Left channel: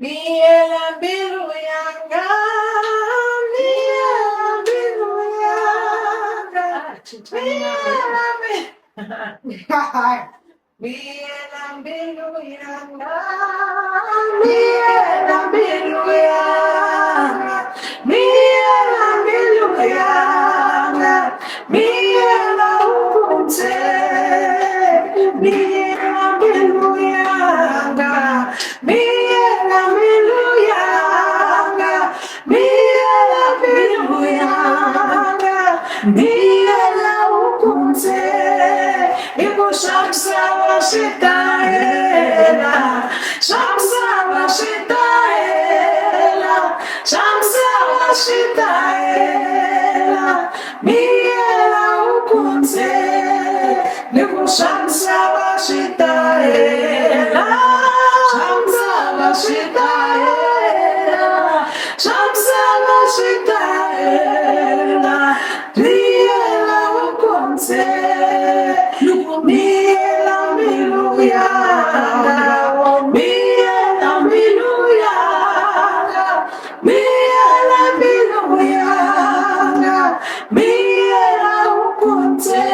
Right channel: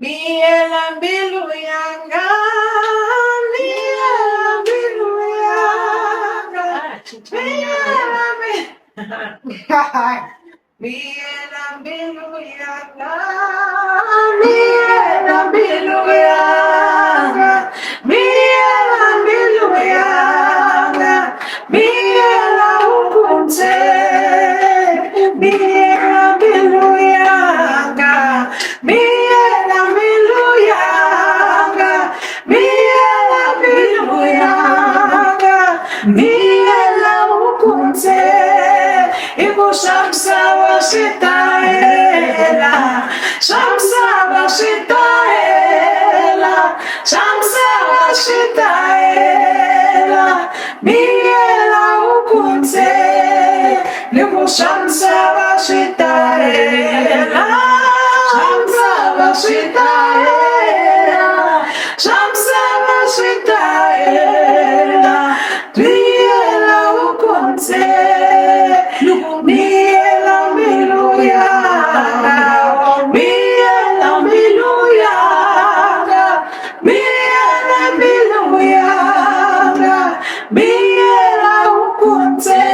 Miela Biluyanga, Miela Biluyanga, Miela Miela Biluyanga, Miela Biluyanga, Miela Biluyanga, Miela Ukunte, Miela Biluyanga, Miela Biluyanga, Miela Biluyanga, Miela Ukunte, Shamsa Washitaela, Shamsa Washitaela, Shamsa Washitaela, Miela Ukunte, Niku Shamsa Washitaela, Shamsa Washitaela, Shamsa Washitaela, Miela Ukunte. Miela Biluyanga, Miela Biluyanga, Miela Biluyanga, Miela Ukunte,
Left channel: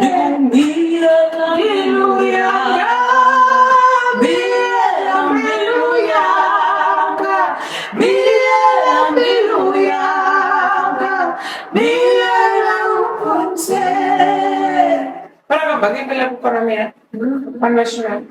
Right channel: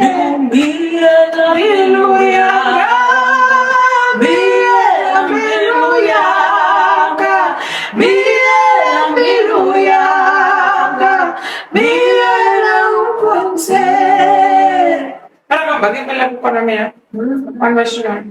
Miela Biluyanga, Miela Biluyanga, Miela Biluyanga, Miela Ukunte. Parang bagay pa lang para niya. Ano siya?